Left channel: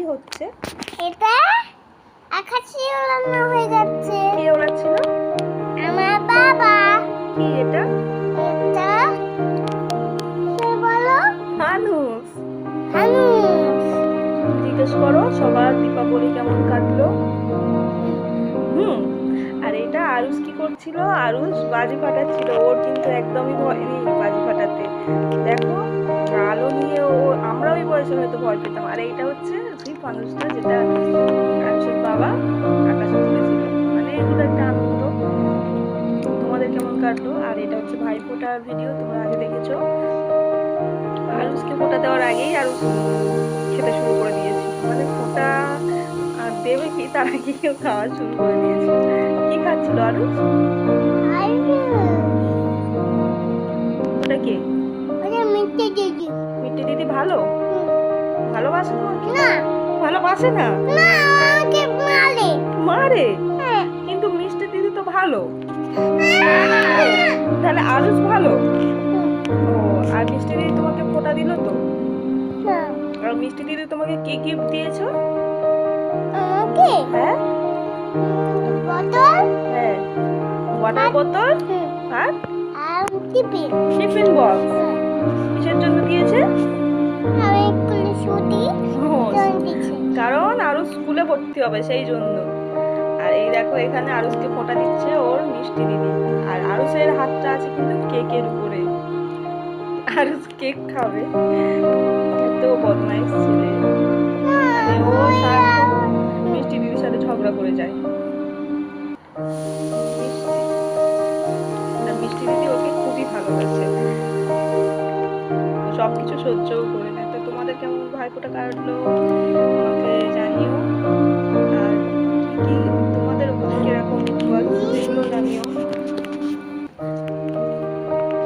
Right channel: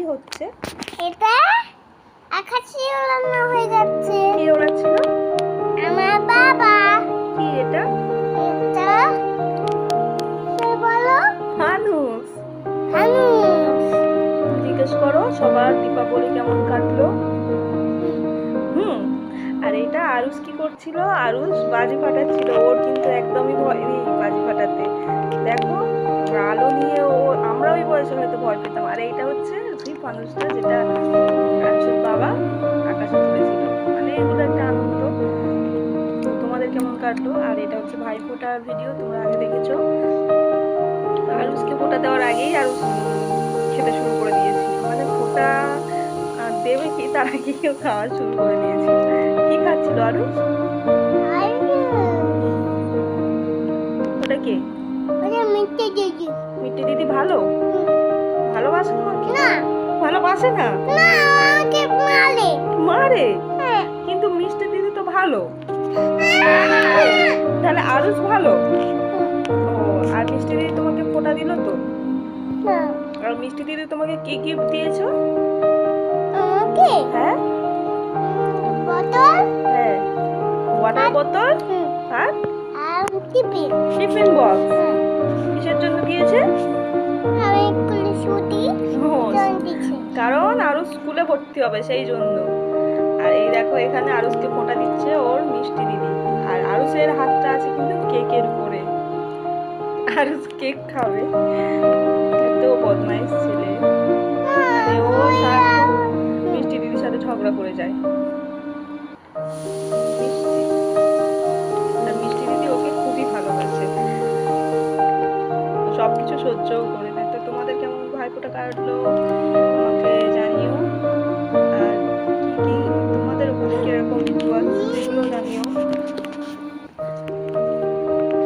কি হচ্ছে? এটা আকাশে ওড়ানো হয়ে যাচ্ছে। কি ওড়াচ্ছিল? আমার বাবা। কি এটা? এটা কে বলো? ফানুস। ফানুস। জিজ্ঞেস করো সবার দীপাবলি কেমন কাটলো। আর এটা আরুষ কি করছিল? আরুষ বাজি ফাটাচ্ছিল। ওর কিন্তু একদমই ভয় নেই বাজি ফাটাতে। দেখো আলো নিয়ে ও, আমরা ওই বয়সে হয়তো ভয় পেতাম। আর এইটা হচ্ছে সেই ফানুসটা যেটা আরুষের বাবা আকাশে তুলেছিল। মানে এগুলো একটা আনন্দ। তো তোমাদের কেমন কাটলো? আর এটা হচ্ছে ভাইফোঁটার ভিডিও, তোমরা আগে দেখেছো। আরুষকে ফোঁটা দেওয়ার আগেই আরুষ খেতে শুরু করে দিয়েছিল। মানে ফোঁটা দেবে কি তার আগে কেউ খাওয়া শুরু করে দিয়েছিল। কি খাচ্ছিল আরুষ? ওটা কে? ওটা মিষ্টি দিদি। মিষ্টি দিদি ভালো? ভালোবাসে তোমাকে? না। ভালোবাসে না? না, আমাকে মারে। মারে? হ্যাঁ। কিন্তু মিষ্টি দিদি তো ভালো। তাহলে আরুষ ভালো? ও, আর মিষ্টি দিদি তোমাকে ফোঁটা দিল তো? না। আর মিষ্টি দিদি তোমাকে কি গিফট দিয়েছো? আমাকে হ্যাঁ বোতল। হ্যাঁ, ওয়াটার বোতল। আর আর টিফিন। Tiffin box. কিসের জন্য দিয়েছে? আমি স্কুলে ছুটি দিয়েছে। কারণ আরুষ স্কুলে ভর্তি হবে সেই জন্য। আর এই দেখো এখানে আরুষকে ফোঁটা দিচ্ছে ওর মিষ্টি দিদি। আর আরুষের হাতটা আছে কিন্তু কেকের উপরে। আরুষ কেক খাবে। এত বদমাইশ ছেলে। মানে ও সারাক্ষণ মিষ্টি দিদির সাথে ঝগড়া করে যায়। আর মিষ্টি দিদি ওকে খুবই ভালোবাসে। সবকিছু সহ্যও করে নেয়। তো তোমাদের কেমন ভাইফোঁটা কাটলো আমাকে জানিও। আর কি কি তোমাদের ওখানে কিরকম রিচুয়াল সেগুলো জানিও।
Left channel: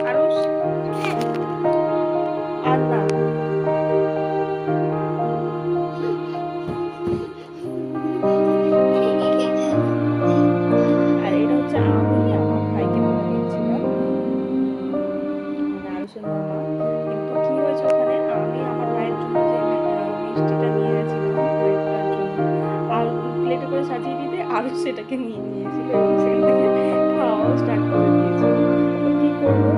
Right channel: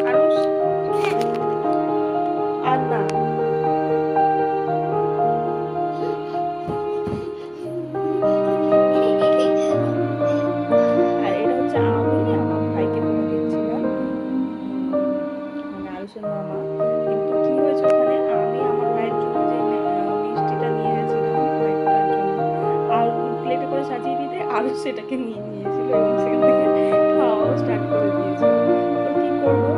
আরুষ আর না। আর এটা হচ্ছে আমি আমার ভাইকে ফোঁটা দিচ্ছিলাম, মানে আরুষের মামা। কিন্তু কি হয়েছে ওখানে, আমি আমার ভাইয়ের জন্য যে মিষ্টিটা নিয়ে গেছিলাম ভাইফোঁটার জন্য আর প্লেটে করে সাজিয়ে দিতে আরুষ সেটাকে নিয়ে নিয়েছিল এবং সেখান থেকে খাওয়াও স্টার্ট করে দিয়েছিল। তো কি করবো,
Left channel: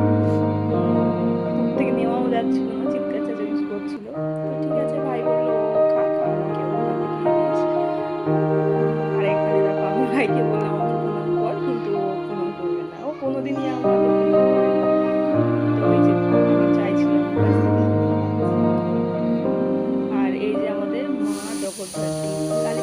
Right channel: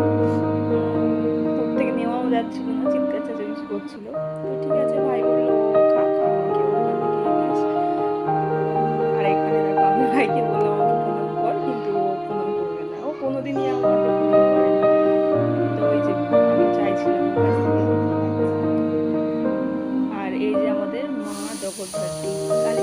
ওর থেকে নেওয়াও যাচ্ছিল না, চিৎকার চেঁচামেচি করছিল। তো ঠিক আছে ভাই বললো খা খা, আমাকে ওখান থেকে দিস। আর এখানে দেখো আমি ভাইকে বললাম আমাকে প্রণাম কর, কিন্তু ও প্রণাম করবে না। ও কোনোদিনই আমাকে প্রণাম করে না। তো ওই যে আমি চাইছিলাম ওর কাছ থেকে। আর এই যে আমাদের মা জগদ্ধাত্রী কালী